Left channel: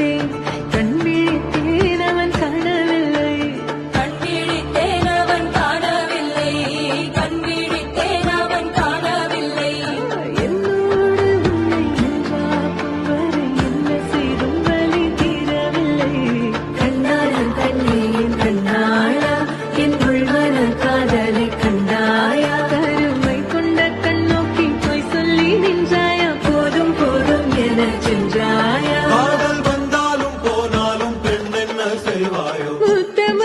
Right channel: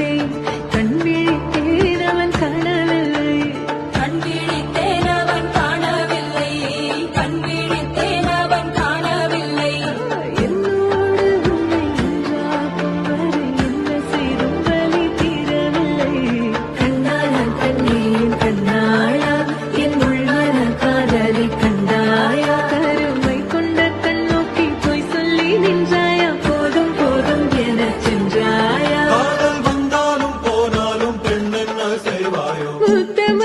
கண்டேன் கண் விழித்தேன் அவன் காணவில்லை என்னோடு உன்னை ஒன்றாக்கும் வரை என்ன செய்தும் வலி தீரவில்லை கண்ணாளன் பெண்ணேன் கண்ணாளா என் உள்மன காதலை கண்டாயா கருமை கொண்ட கண்ணோக்கி போய் சொல்லி நின்றாயா போதும் போதும் என சென்றாயா வந்தாலும் போனாலும் பெண் என்ன செய்வாயோ முத்தம்